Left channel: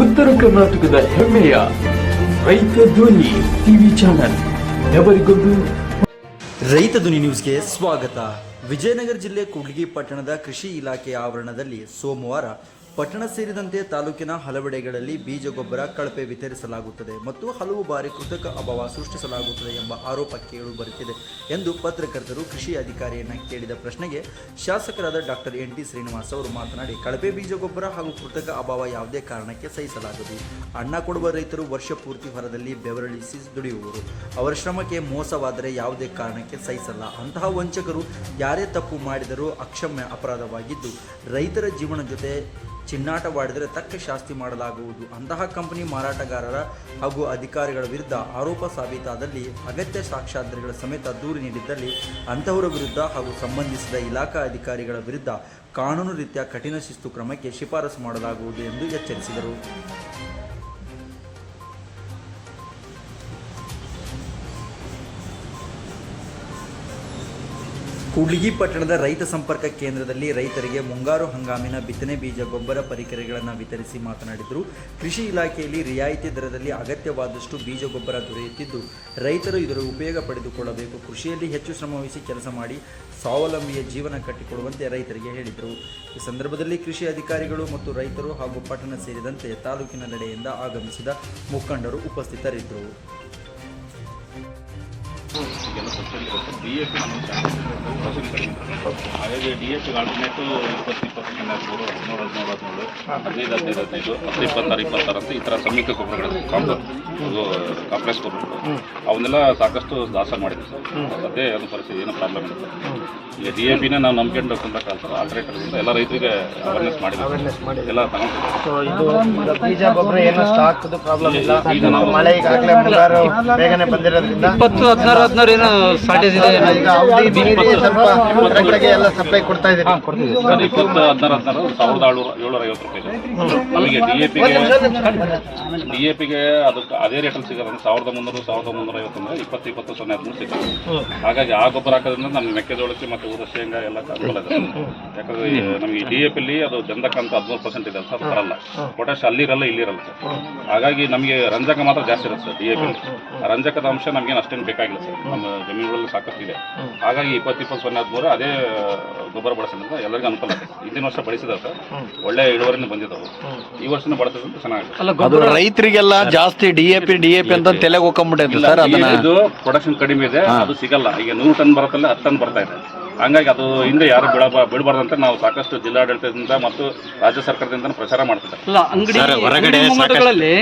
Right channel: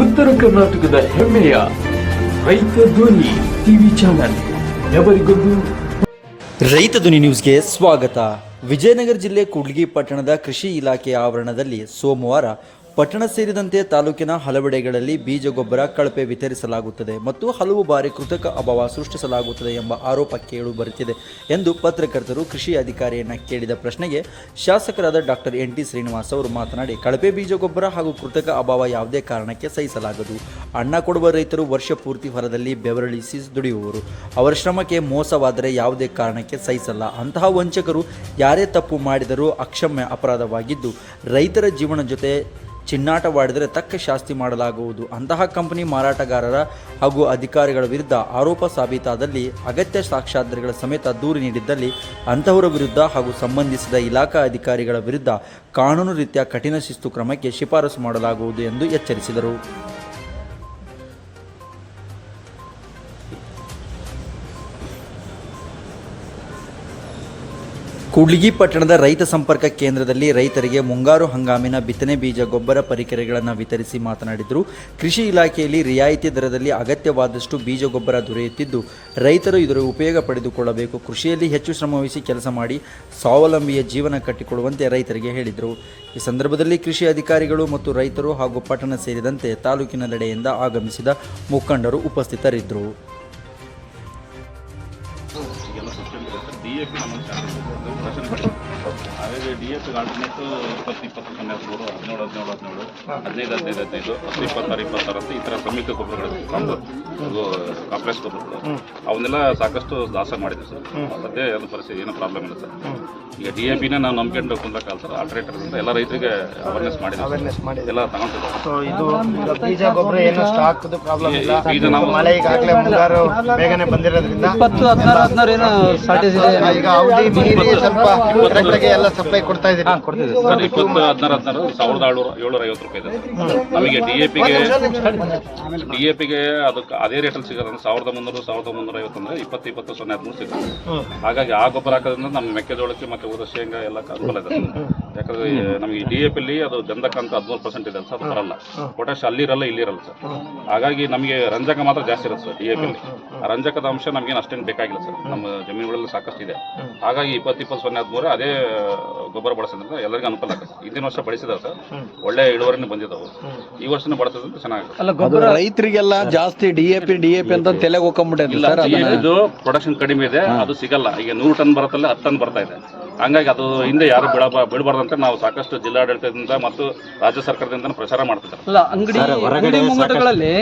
ಉತ್ತರ ಕರ್ನಾಟಕದ ಹೆಮ್ಮೆಯ ರೈತ ಧ್ವನಿ ಟಿವಿ ಚಾನಲ್ ಎವರಿಗೊಂದು ರೈತ ಧ್ವನಿ ನ್ಯೂಸ್ಗೆ ಸ್ವಾಗತ. ವಿಜಯನಗರ ಜಿಲ್ಲೆ ಕೂಡ್ಲಿಗಿ ಪಟ್ಟಣದ ಕೃಷಿ ಇಲಾಖೆ ಆವರಣದಲ್ಲಿ ಸೋಮವಾರ ಪಟ್ಟಣ ಸೇರಿದಂತೆ ತಾಲೂಕಿನ ಹಲವೆಡೆಗಳಲ್ಲಿ ಬೀಜ ಗೊಬ್ಬರ ಕಳಪೆ ವಿತರಿಸಲಾಗುತ್ತದೆ ಮತ್ತು ಹಲವು ಬಾರಿ ಕೃತಕ ಅಭಾವ ಸೃಷ್ಟಿಸಲಾಗುತ್ತದೆ ಎಂಬ ಆರೋಪ ಕೇಳು ಬರುತ್ತಿದೆ ಎಂದು ಪತ್ರಕರ್ತರು ಕೃಷಿ ಅಧಿಕಾರಿಯನ್ನು ಕೇಳಿದ ಪ್ರಶ್ನೆಗೆ ಶಾಸಕರಾದ ಡಾಕ್ಟರ್ ಎನ್ ಟಿ ಶ್ರೀನಿವಾಸ್ ಅವರು ಮಾತನಾಡಿ, ಕಳಪೆ ಬೀಜ ಗೊಬ್ಬರ ಹಾಗೂ ಕೃತಕ ಅಭಾವ ಯಾವುದೇ ಕಾರಣಕ್ಕೆ ಸಹಿಸಲಾಗದು. ಅಣ್ಣ ಕೊಡುವ ರೈತರು ವರ್ಷ ಪೂರ್ತಿ ಹೊರದಲ್ಲಿ ಬೆವರಳಿಸಿ ದುಡಿಯುವವರು ಅವರ ಶ್ರಮಕ್ಕೆ ಮೋಸವಾದರೆ ಯಾವುದೇ ಕಾರಣಕ್ಕೆ ಸಹಿಸಲ್ಲ. ಅಂತಹ ವಂಚಕರು ಯಾರೇ ತಪ್ಪು ಮಾಡಿದರೂ ಅಕ್ಷಮ್ಯ ಅಪರಾಧವಾಗಿದ್ದು, ರೈತರ ಜೀವನ ಜೊತೆ ಚಿನ್ನಾಟವಾಡಿದರೆ ತಕ್ಕ ಶಾಸ್ತಿ ಮಾಡಲಾಗುವುದು. ಅಂತಹ ಕಂಪನಿ ಮಾರಾಟಗಾರರ ಹಾಗೂ ಅಧಿಕಾರಿಗಳ ವಿರುದ್ಧ ಆರೋಪ ಸಾಬೀತಾದಲ್ಲಿ ಅಗತ್ಯ ಸಾಕ್ಷ್ಯಾಧಾರಗಳ ಸಮೇತ ದೂರು ನೀಡಿದ್ದಲ್ಲಿ ಅಂತಹವರ ವಿರುದ್ಧ ಹಾಗೂ ಸಂಬಂಧಿಸಿದ ಇಲಾಖಾ ಅಧಿಕಾರಿಗಳ ವಿರುದ್ಧ ಕಾನೂನು ರೀತಿಯ ಕಠಿಣ ಶಿಸ್ತು ಕ್ರಮಕ್ಕೆ ಶಿಫಾರಸು ಮಾಡಲಾಗುವುದು ಎಂದು ಎಚ್ಚರಿಸಿದರು. ಕೂಡ್ಲಿಗಿ ಪಟ್ಟಣದ ರೈತ ಸಂಪರ್ಕ ಕೇಂದ್ರದಲ್ಲಿ ರೈತರಿಗೆ ಮುಂಗಾರು ಹಂಗಾಮಿನ ಬಿತ್ತನೆ ಬೀಜ ಗೊಬ್ಬರ ಪರಿಕರಗಳನ್ನು ವಿತರಿಸಿ ಮಾತನಾಡಿದರು. ಕೃಷಿ ಇಲಾಖೆಯಲ್ಲಿ ರಿಯಾಯಿತಿ ದರದಲ್ಲಿ ಅಗತ್ಯವಾದಷ್ಟು ಬೀಜ ಗೊಬ್ಬರ ದೊರೆಯುತ್ತಿದ್ದು, ರೈತರು ಇದರ ಉಪಯೋಗ ಪಡೆದುಕೊಳ್ಳಬೇಕು. ಕೃಷಿಯಲ್ಲಿ ಹೆಚ್ಚು ಶ್ರಮವಹಿಸಿ ಕೆಲಸ ಮಾಡಿ ಸ್ವಾವಲಂಬಿಯ ಜೀವನ ಕಟ್ಟಿಕೊಳ್ಳುವಂತೆ ರೈತರಿಗೆ ಹೇಳಿದರು. ಈ ಸಂದರ್ಭದಲ್ಲಿ ಕೃಷಿ ಅಧಿಕಾರಿಗಳು ಮತ್ತು ರೈತರು ಹಾಗೂ ಪಟ್ಟಣ ಸೇರಿದಂತೆ ತಾಲೂಕಿನೆಲ್ಲೆಡೆಯಿಂದ ಆಗಮಿಸಿದ ಮುಖಂಡರು ಉಪಸ್ಥಿತರಿದ್ದರು. ಈಗೆಲ್ಲ ಸಬ್ಸಿಡಿ ಇರುತ್ತೆ. ಡಿ ಎ ಪಿ ನಮ್ಮ ಹಾಗಾಗಿ ಡಿ ಎ ಪಿಗೆ ಆಲ್ಟರ್ನೇಟ್ ಇಪ್ಪತ್ತು ಇಪ್ಪತ್ತು ಮೂರು ಹದಿನೇಳು ಹದಿನೇಳು ಹದಿನೇಳು ಹದಿನೈದು ಹದಿನೈದು ಹದಿನೈದು ಹತ್ತು ಇಪ್ಪತ್ತಾರು ಇಪ್ಪತ್ತಾರು ಅಂತ ಈ ಥರ ಸಂಯುಕ್ತ ಗೊಬ್ಬರಗಳು ಕಾಂಪೋ ಇದು ಕಾಂಪ್ಲೆಕ್ಸ್ ಗೊಬ್ಬರಗಳು ಅವನ್ನೆಲ್ಲ ಸಾಕಷ್ಟು ದಾಸ ಮಾಡಿದ್ವಿ ಸರ್. ಅದೇ ಅದು ಪರಿಸ್ಥಿತಿ ಏನೋ ಪ್ರಾಬ್ಲಮ್ ಇಲ್ಲ ಸರ್. ಈಗ ಡಿ ಎ ಪಿನ ನಾವು ನಂಬ್ಕೊಂಡು ಕುಂದಕ್ಕಾಗಲ್ಲ ಸರ್ ಆಲ್ಟರ್ನೇಟರ್ಗಿಂತ ಎಲ್ಲ ರೈತರಿಗೆ ಅವೇರ್ನೆಸ್ ಮಾಡಿದ್ವಿ ಎಲ್ಲ ತಗೊಂಡಿದ್ದಾರೆ ಇದು ಈಗ ಬೀಜ ಏನು ಸ್ಟಾಕ್ ಪ್ರಾಬ್ಲಮ್ ಇಲ್ಲ. ಬೀಜ ನಾವು ಮಳೆ ಈಗಾಗಲೇ ಬಂದಿರೋದ್ರಿಂದ ಈಗ ಅವಧಿ ಸ್ವಲ್ಪ ಎಲ್ಲ ಸಪ್ಲೈ ಕೊಡ್ತಾ ಇದ್ದೀವಿ ಸರ್ ಇಪ್ಪತ್ತು ಹದಿನಾರು ಹದಿನಾರು ಸಾವಿರದ ಏಳ್ನೂರ ಏಳ್ನೂರ ಐವತ್ತು ರೂಪಾಯಿ ಇದೆ ನಮಗೆ ಡಿ ಎ ಪಿಗೆ ಡಿ ಎ ಪಿಗೆ ಅದಕ್ಕೆ ಅದೇ ರೇಟಲ್ಲಿ ಸಿಗೋದು ಸಾವಿರದ ಮುನ್ನೂರು ಸಾವಿರದ ಮುನ್ನೂರ ಐವತ್ತು ಅಂದರೆ ಇಪ್ಪತ್ತು ಇಪ್ಪತ್ತು ಸೊನ್ನೆ ಹದಿಮೂರು ಸಿಗುತ್ತೆ ಹಾಗಾಗಿ ಆ ಗೊಬ್ಬರ ಹಾಕೋದ್ರಿಂದ ನಮ್ಮ ಮೆಕ್ಕೆಜೋಳಕ್ಕೆ ಮತ್ತು ಊರ ಶೇಂಗಾ ಎಲ್ಲ ಅನುಕೂಲ ಇದೆ ಯಾಕಂದ್ರೆ ನಮ್ಗೆ ಡಿ ಎ ಪಿಲಿ ಅದು ಗಂಧಕ ಅಂತ ಹದಿಮೂರು ಪರ್ಸೆಂಟ್ ಇದೆ ಸರ್ ಅದು ಬರಲ್ಲ. ಪೊಟ್ಯಾಶ್ ಅಲ್ಲಿರಲ್ಲ ಇಲ್ಲಿರಲ್ಲ ಸರ್. ಹಾಗಾಗಿ ನಮಗೆ ರಂಜಕ ಮಾತ್ರ ಜಾಸ್ತಿ ಇರುತ್ತೆ ಸರ್ ಡಿ ಎ ಪಿಲಿ ಆ ರಂಜಕದ ಅಂಶ ನಮಗೇನು ಅಷ್ಟೇನು ಬೇಕಾಗಿಲ್ಲ ಸರ್. ನಮ್ಮ ಜಮೀನುಗಳಲ್ಲಿ ಸಾಕಷ್ಟು ಇದೆ. ಹಾಗಾಗಿ ಇಪ್ಪತ್ತು ಇಪ್ಪತ್ತು ಸೊನ್ನೆ ಹದಿಮೂರು ಅದೇ ಗೊಬ್ಬರ ಬಳಸೋದ್ರಿಂದ ಎಲ್ಲರಿಗೂ ಅನುಕೂಲ ಆಗುತ್ತೆ. ಹಿಂದಿನ ವರ್ಷ ಬಳಸಿದ ಸರ್. ಒಳ್ಳೆ ಇಳುವರಿನೂ ಬಂದಿದ್ದಾವೆ ಈ ವರ್ಷನೂ ಬಳಸೋದ್ರಿಂದ ಚೆನ್ನಾಗಿದೆ ಅದು ರೈತರಿಗೆಲ್ಲ ಜಾಸ್ತಿ D A P D A P ಅಂತ ತಲೆಗೆ ಹೋಗ್ಕೊಂಡ್ಬಿಟ್ಟೈತೆ ಇಲ್ಲ, ಸರ್ ಅದನ್ನ. ಇದು ಪ್ರೊಡಕ್ಷನ್ ಕಡಿಮೆ ಇದೆ ಅದು ಸಿಗಲ್ಲ. ಈಗ ನೂರು ಟನ್ ಬರುತ್ತಲ್ಲ ಹತ್ತು ಟನ್ ಬರ್ತಾ ಇದೆ. ಹಂಗಾಗಿ ಅದು ಹಿಂದೆ ಯಾರು ಬಿಡ ಬಿಡಬಾರ್ದಂತ ನಾವು ಸಾಕಷ್ಟು ಜಿಲ್ಲಾಡಳಿತದಿಂದ ಮತ್ತು ರಾಜ್ಯ ಸರ್ಕಾರದಿಂದ ಪ್ರಚಾರ ಮಾಡ್ತಿದ್ದಾರೆ. ಇಲ್ಲ ಅಂಗಡಿ ಅಂಗಡಿ ಮುಂಗಟ್ಟುಗಳಲ್ಲಿ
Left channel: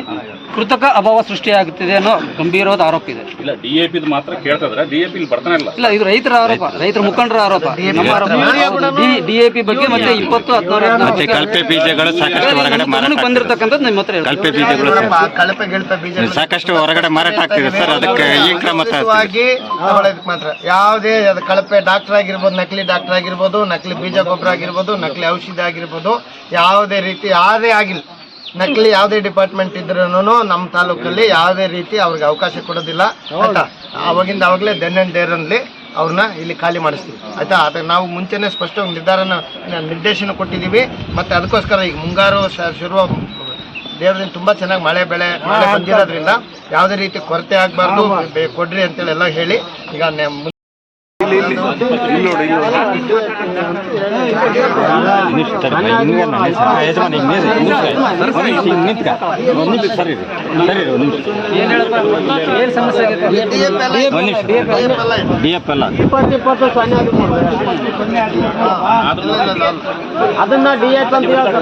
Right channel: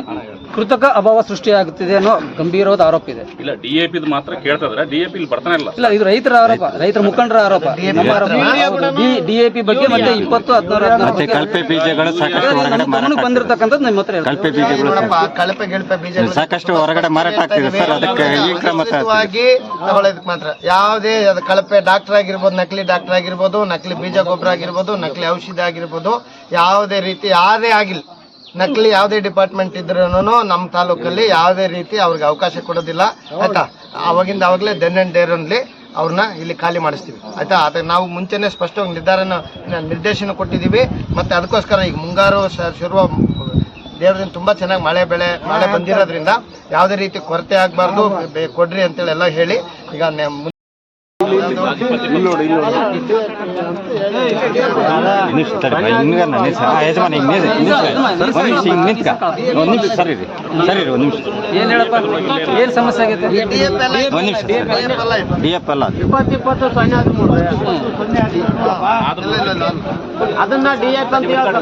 ಕೃತಕ ಅಭಾವ ಸೃಷ್ಟಿಯಾಗುತ್ತಿದೆ ಅನ್ನೋ ಗಂಭೀರವಾದ ಆರೋಪ ಇದೆ. ಇಲ್ಲ ಡಿ ಎ ಪಿದು ಮಾತ್ರ ಕೇಳ್ತಾ ಇದ್ರೆ ಡಿ ಎ ಪಿ ಇಲ್ಲಿ ಬರ್ತಾನೆ ಇಲ್ಲ. ಇಲ್ಲ ಇದು ರೈತರ ಆರೋಪ ರೈತರ ಮುಖಂಡರ ಆರೋಪ. ನಮ್ಮ ಆರೋಪ. ಡಿಎಪಿ ಬಗ್ಗೆ ಮತ್ತೆ ಇಪ್ಪತ್ತು ಹದಿನಾರು ಮತ್ತೆ ಕಳಪೆ ಬೀಜಗಳು ಸಾಕಷ್ಟು ಹೊರಗಡೆ ಮಾರಾಟ ಬಂದಿರತಕ್ಕಂಥದ್ದು ನಿಮ್ಮ ಹತ್ರ ಕಲ್ಪೆ ಕಳಪೆ ಬೀಜಗಳು ಕಳಪೆ ಗಿಳಪೆ ಬೀಜ ಸಾಕಷ್ಟು ಹೊರಗಡೆ ಮಾರಾಟ ಆಗ್ತಿದೆ ಸರ್. ಅದಕ್ಕೆ ಈ ಕ್ರಮ ಮಾತ್ರ. ಯಾವುದೇ ಅದು ಕಳಪೆ ಡಾಕ್ಟರ್ ಆಗಿರ್ಬೋದು ನಕಲಿ ಡಾಕ್ಟರ್ ಆಗಿರ್ಬೋದು ನಕಲಿ ಬೀಜ ಗೊಬ್ಬರ ಆಗಿರ್ಬೋದು ನಕಲಿ ಔಷಧಿ ಆಗಿರ್ಬೋದು ಯಾವುದೇ ರೀತಿ ಯಾವುದೇ ಆಗಿಲ್ಲ. ನಕಲಿ ಯಾವುದೇ ಡಿಪಾರ್ಟ್ಮೆಂಟ್ ಇದ್ರೂ ನಮ್ಮ ತಾಲೂಕಲ್ಲಿ ಯಾವುದೇ ರೀತಿ ಅವ್ರಿಗೆ ಅವಕಾಶ ಕೊಡೋದಿಲ್ಲ. ಆಯ್ತಾ? ಅವಾಗಿಂದ ಅವಾಗಲೇ ದೆನ್ ಅಂಡ್ ಡೇರಲ್ಲಿ ಅವ್ರನ್ನ ಇಲ್ಲಿ ಖಾಲಿ ಮಾಡಿಸ್ತೀವಿ. ಆಯ್ತಾ? ಅದಕ್ಕೆ ನಾವು ಮುಂಚೆನೇ ಸ್ಪಷ್ಟವಾಗಿ ನಿರ್ಧಾರನ, ನಿರ್ದೇಶನ ಕೊಟ್ಟಿದ್ದೀವಿ ಮತ್ತು ಅದಕ್ಕೋಸ್ಕರ ಈಗ ಮುಂಗಾರು ಶುರುವ ಶುರು ದೇವರಿಂದ ತುಂಬ ಚೆನ್ನಾಗಿ ಮಳೆ ಬೆಳೆ, ಮಳೆ ಬಂದಿರೋದ್ರಿಂದ ಯಾವುದೇ ರೀತಿ ಕೊರತೆ ಆಗಬಾರ್ದು ಕೊಡ್ರಿ ಅಂತೇಳಿ ಎಲ್ಲ ಹೇಳಿ ಈಗ ನೆ- ಮುಂದೆ ಏನ್ ಹೇಳಪ್ಪ ಏನ್ ಸಮಸ್ಯೆ ಒಂದು ನಿಮಿಷ ಇದೆ. ಡಿ ಎಫ್ ಎಲ್ಲ ಇಪ್ಪತ್ತು ಇಪ್ಪತ್ತು ಸೊನ್ನೆ ಹದಿಮೂರು. ಹಾ, ಇಲ್ಲ, ಇಲ್ಲ, ಇಲ್ಲ. ಅದನ್ನ ಡಿ ಎಫ್ ಅಂತ ಹೇಳ್ತಾರೆ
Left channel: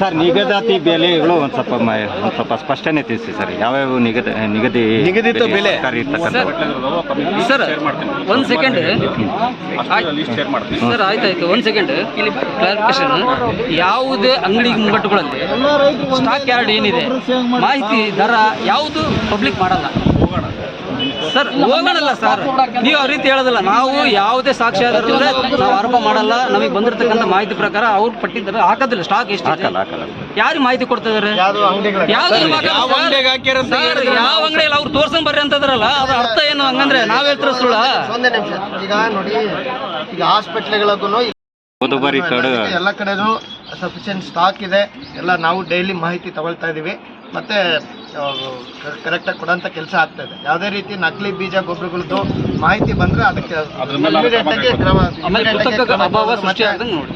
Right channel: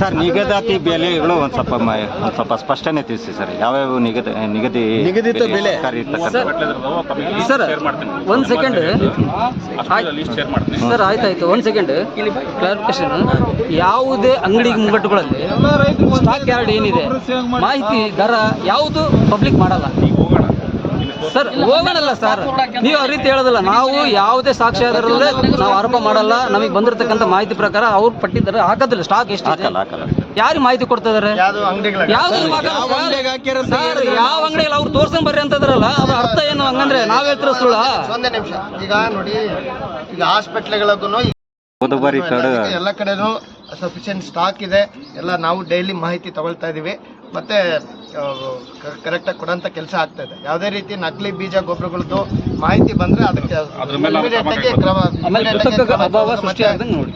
ಸರ್ ನಿಗದಾತಿ ಬೆಲೆಗಳು ಒಂದು ಸ್ವಲ್ಪ ಮ- ಒಂದ್ ಸ್ವಲ್ಪ ಸ್ಪಷ್ಟನೆ ತಿಳಿಸಿ ಸರ್ ಯಾವ್ಯಾವ ನಿಗದಿ ನಿಗದಿ ನಿಗದಿತ ಬೆಲೆ ಸರ್ ಒಂದ್ ಸೆಕೆಂಡ್ ಲಿಸ್ಟ್ ಶೇರ್ ಮಾಡ್ತೀನಿ. ಸರ್ ಆಯ್ತಾಯ್ತು. ಒಂದು ಸೆಕೆಂಡ್ ಇಲ್ಲಿ ಕ್ಲಾರಿಫಿಕೇಶನ್ ಯಾವುದೇ ಅಂಗಡಿ ಮುಂಗಟ್ಟುಗಳಲ್ಲಿ ಸ್ಟಾಕ್ ಯಾರ್ಡ್ ಏನಿದೆ ಮಾಹಿತಿ ದರ ಯಾವುದು ಪಬ್ಲಿಕ್ ಮಾಡಲ್ಲ. ಸರ್ ಹೋಗೋಣಲ್ಲ ಸರ್. ನೀವು ಆ ರೀತಿ ಹೇಳೋದಿಲ್ಲ ನಾವು ಯಾವುದೇ ಸಾಕ್ಷ್ಯಾಧಾರಲ್ಲದೆ ನಾವು ಆರೋಪ ಮಾಡಲ್ಲ. ನಮಗೆ ಬಂದಿರತಕ್ಕಂಥ ಮಾಹಿತಿ ಪ್ರಕಾರ ಅವ್ರು ಪಟ್ಟಿದ್ದಾರೆ. ಹಾಕೋದಿಲ್ಲ ಸ್ಟಾಕ್ ಎಷ್ಟು ಹಾಕಲ್ಲ ಹಾಕಲ್ಲ. ಯಾರು ಮಾಹಿತಿ ಕೊಡ್ತಾ ಇದಾರೆ ಯಾವ ಅಂಗಡಿಯಲ್ಲಿ ಅವ್ರು ತೋರ್ಸನ್ ಬರ್ರಿ ಅಂತದ್ರಲ್ಲ ಅದ್ರ ಅರ್ಥ ಏನು? ಹಂಗಂದ್ರೆ ನಾವ್ ಹೇಳ್ತಿರೋ ಸುಳ್ಳ? ಒಂದೇ ನಿಮಿಷ. ಈಗ ನೋಡಿ ಈಗ ಕಡೆ ಎಲ್ಲ ಕಡೆನೂ ಸಫಿಷಿಯಂಟ್ ಸ್ಟಾಕ್ ಇದೆ. ಎಲ್ಲ ನಾವು ಡೈಲಿ ಮಾಹಿತಿ ತಗೊಳ್ತಾ ಇದ್ದೀವಿ ಮತ್ತು ಕರೆಕ್ಟಾಗಿ ಕೊಡೋಂಥ ಕೆಲಸ ಆಗ್ತಾ ಇದೆ. ಯಾವುದೇ ರೀತಿ ನಕಲಿ ಬೀಜ ಗೊಬ್ಬರಗಳದ್ದು ಮಾಹಿತಿ ಬಂದ್ರೆ ಅದಕ್ಕೆ.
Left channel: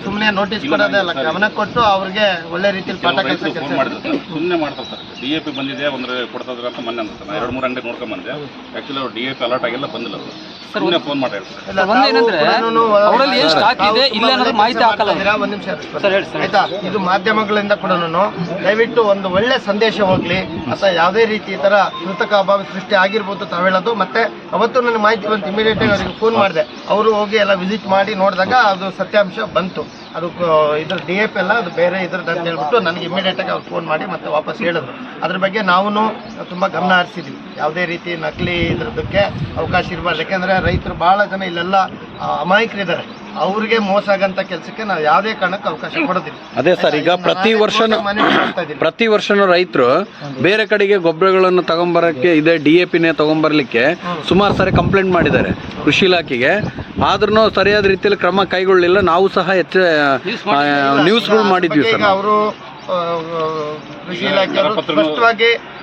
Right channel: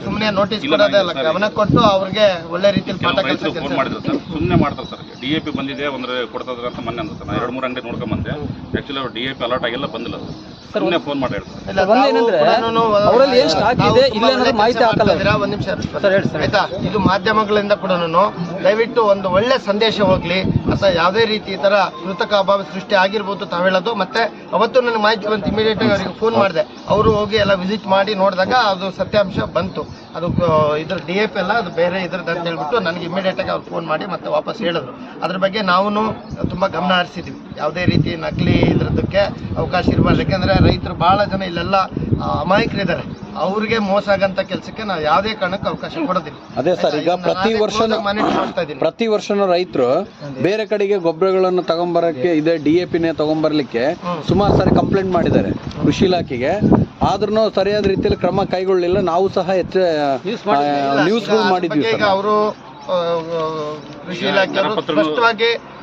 ಸುಮ್ಮನೆ ನೋಟಿಸ್ ಇಲ್ಲ, ಕೊಡೋದೇ ಅಲ್ಲ. ಗಮನ ಕೊಟ್ಟು ಅವ್ರಿಗೆ ಒಳ್ಳೆ ರೀತಿಯಲ್ಲಿ ಪಾಠ ಕೆಲಸ ಸರ್. ಸುಮ್ಮನೆ ಮಾಡ್ತಾರೆ ಸರ್. ಡಿ ಎ ಪಿ ಬಂದಿದೆ ಒಂದ್ರೆ ಕೊಡ್ತಾ ಅಂತ ಮೊನ್ನೆ ಅಂತ ನಾನು ಎರಡು ಮೂರು ಅಂಗಡಿ ನೋಡ್ಕೊಂಡ್ ಬಂದೆ. ಆ್ಯಕ್ಚುಲಿ ಅವ್ರು ಡಿ ಎ ಪಿ ಅಲರ್ಟ್ ಆಗಿಲ್ಲ ಬಂದಿಲ್ಲ ಸರ್. ಸುಮ್ಮನೆ ಫೋನ್ ಮಾಡಿ ಅವ್ರಲ್ಲಿ ಏನ್ ತಾವು ಇದೆ, ಇಲ್ಲ ಅನ್ನೋದು ಮಾಹಿತಿ ಹಾಕಲ್ಲ. ಒಂದ್ ನಿಮಿಷ. ಆಯ್ತಾ? ಇದು ಮಾಧ್ಯಮಗಳಿಂದ ಕೂಡ ದಯವಿಟ್ಟು ಒಂದು ಒಳ್ಳೆ ಸಂದೇಶ ಹೋಗ್ಲಿ. ಅಥವಾ ಯಾವುದೇ ರೀತಿ ಈ ಥರ ಕೃತಕ ಅಭಾವ ಸೃಷ್ಟಿ ಆಗಿರ್ಬೋದು ತಾವು ಹೇಳೋದು. ಮತ್ತೆ ಅವತ್ತು ನನಗೆ ಮಾಹಿತಿ ಬಂತು ಇಮಿಡಿಯೇಟ್ ಆಗಿ ಅವರಿಗೆ ಫೋನ್ ಮಾಡಿದೆ. ಅವರು ಹೋಗಿ ಎಲ್ಲ ವಿಸಿಟ್ ಮಾಡಿ ನೋಡಿದಾಗ ಅದು ಸತ್ಯಾಂಶ ಬಂತು. ಅದು ಇದ್ರ ಡಿ ಎಫ್ ಎಲ್ಲ ಅದು ಬೇರೆ ಇದ್ರದ್ದು ಅಂತ ಹೇಳ್ಬಿಟ್ಟು ನನಗೆ ಇಮಿಡಿಯೇಟ್ ಆಗಿ ಅವ್ರು ಫೋನ್ ಮಾಡಿ ಮತ್ತೆ ವಾಪಸ್ ಹೇಳಿದ್ರು. ಅದ್ರ ಬಗ್ಗೆ ನಾವು ತುಂಬಾ ಗಮನ ಹರಿಸಿದ್ವಿ. ಯಾವುದೇ ರೀತಿ ನಕಲಿ ಇದ್ರದಕ್ಕೆ ಅವಕಾಶ ಇರಬಾರ್ದು. ಯಾಕೆಂದರೆ ರೈತರು ಬಹಳ ಜನ ಇಲ್ಲೆಲ್ಲ ಅಮಾಯಕರಿದ್ದಾರೆ. ಅವ್ರಿಗೆ ಮೋಸ ಆಗಂತ ಕೆಲಸಕ್ಕೆ ನಾವು ಯಾವುದೇ ಕಾರಣಕ್ಕೆ ಅವಕಾಶ ಕೊಡೋದಿಲ್ಲ. ಅದೇ ಸರ್ ಈಗ ಪ್ರತಿ ವರ್ಷನೂ ಮನವಿ ಮಾಡ್ತಾ ಇದ್ದೀನಿ. ಪ್ರತಿ ವರ್ಷನೂ ರೈತರು ಬೇರೆ ಕಡೆಗೆ ಗೊಬ್ಬರಗಳನ್ನು ತಗೊಂಬರಕ್ಕೆ ಇದೆ ಡಿ ಎ ಪಿನೇ ತಗೊಂಬರ್ಲಿಕ್ಕೆ ಸುಮಾರು ಸಾರಿ ಕಂಪ್ಲೇಂಟ್ ಮಾಡಿದ್ದಾರೆ ಕೃಷಿ ಇಲಾಖೆಗೆ. ಆದ್ರೂ ಸರಿಯಾದ ರೀತಿಯಲ್ಲಿ ಕ್ರಮ ಕೈಗೊಳ್ಳಲಿಲ್ಲ ನಾವು ಸಹ ಹೆಚ್ಚು ನ್ಯೂಸ್ಗಳು ಮಾಡಿದ್ವಿ. ಸರ್ ಅವರು ಕೃಷಿ ಇಲಾಖೆಯವರು ಸ್ಪಷ್ಟವಾಗಿ ಆ, ಹೇ-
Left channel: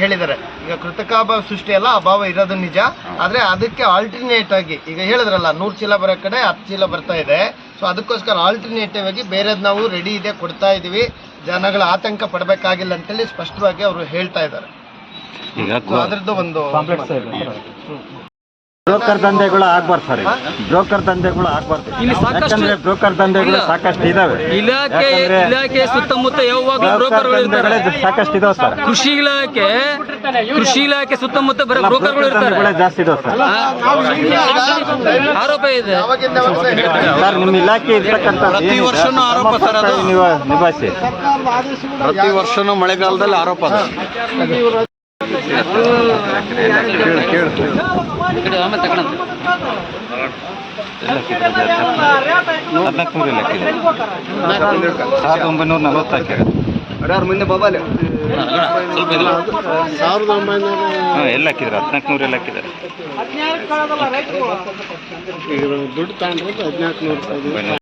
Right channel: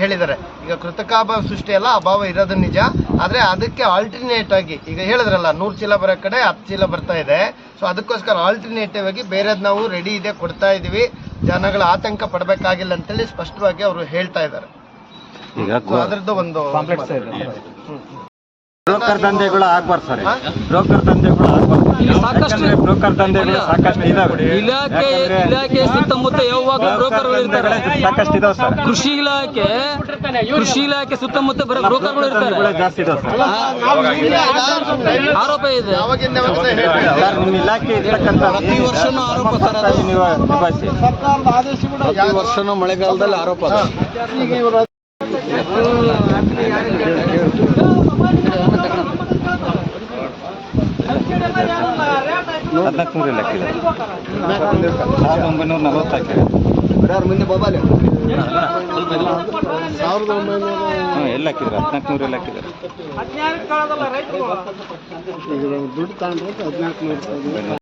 ಹೇಳಿದ್ದಾರೆ. ಈಗ ಕೃತಕಾಭಾವ ಸೃಷ್ಟಿ ಅಲ್ಲ ಅಭಾವ ಇರೋದು ನಿಜ. ಆದ್ರೆ ಅದಕ್ಕೆ ಆಲ್ಟರ್ನೇಟ್ ಆಗಿ ಈಗ ಹೇಳಿದ್ರಲ್ಲ ನೂರು ಚೀಲ ಬರೋ ಕಡೆ ಹತ್ತು ಚೀಲ ಬರ್ತಾ ಇದೆ. ಸೊ ಅದಕ್ಕೋಸ್ಕರ ಆಲ್ಟರ್ನೇಟಿವ್ ಆಗಿ ಬೇರೆದು ನಾವು ರೆಡಿ ಇದೆ ಕೊಡ್ತಾ ಇದೀವಿ. ಜನಗಳ ಆತಂಕ ಪಡಬೇಕಾಗಿಲ್ಲ ಅಂತೇಳಿ ಸ್ಪಷ್ಟವಾಗಿ ಅವರು ಹೇಳ್ತಾ ಇದ್ದಾರೆ. ಅದ್ರದ್ದು ಒಂದು ಬ್ರೋಕರ್ ದಂಧೆಗಳು ಆಗ್ಬಾರ್ದು ಸರ್. ಬ್ರೋಕರ್ ದಂಧೆಗಳು ಆಗ್ಬಾರ್ದು. ಇಲ್ಲಿ ಸಾಕಷ್ಟು ಬ್ರೋಕರ್ ದಂಧೆಗಳು ಇಲ್ಲ. ಸಾಕಷ್ಟು ಇದಾವೆ. ಇಲಾಖೆ ಇಲಾಖೆ ಸುತ್ತಮುತ್ತ ಯಾವಾಗಲೂ ಬ್ರೋಕರ್ಗಳು ಇರ್ತಾರೆ. ಸಾಕಷ್ಟು ಇದಾವೆ ಸರ್. ಕೃಷಿ ಇಲಾಖೆ ಕೃಷಿ ಇಲಾಖೆ ಸುತ್ತಮುತ್ತ ಬರೀ ಬ್ರೋಕರ್ಗಳು ಇರ್ತಾರೆ. ದಂಧೆಗಳೇ ಜಾಸ್ತಿ ಇದಾವೆ ಸರ್. ಆ, ಆರೋಪ ಇದೆ. ಸರ್ ನಿಮ್ಮ ಇಲಾಖೆ ಇರ್ತಕ್ಕಂಥ ಪ್ರತಿ ವರ್ಷನೂ ಆರೋಪ ಸರ್ ಅದು. ನೀವು ನಿಭಾಯಿಸಿ. ಪ್ರತಿ ವರ್ಷನೂ ಮಳೆಗಾಲದಲ್ಲಿ ಆರೋಪ ಅದು. ಹದಿನಾಲ್ಕು ನೂರು ಇಲ್ಲ ಸಾವಿರದ ಒಂಬೈನೂರ ನಲವತ್ತು ಹಾಕಿರ ಹಾಂ ಎಲ್ಲ ಹಾಕಿದ್ರು ಹದಿನಾಲ್ಕು ನೂರು ಎಲ್ಲ ಹಾಕಿದ್ದಾರೆ ದುಡ್ಡು ತಗೊಂಡ್ರೆ ಹದಿನಾಲ್ಕು ನೂರು ಒಂಬೈನೂರು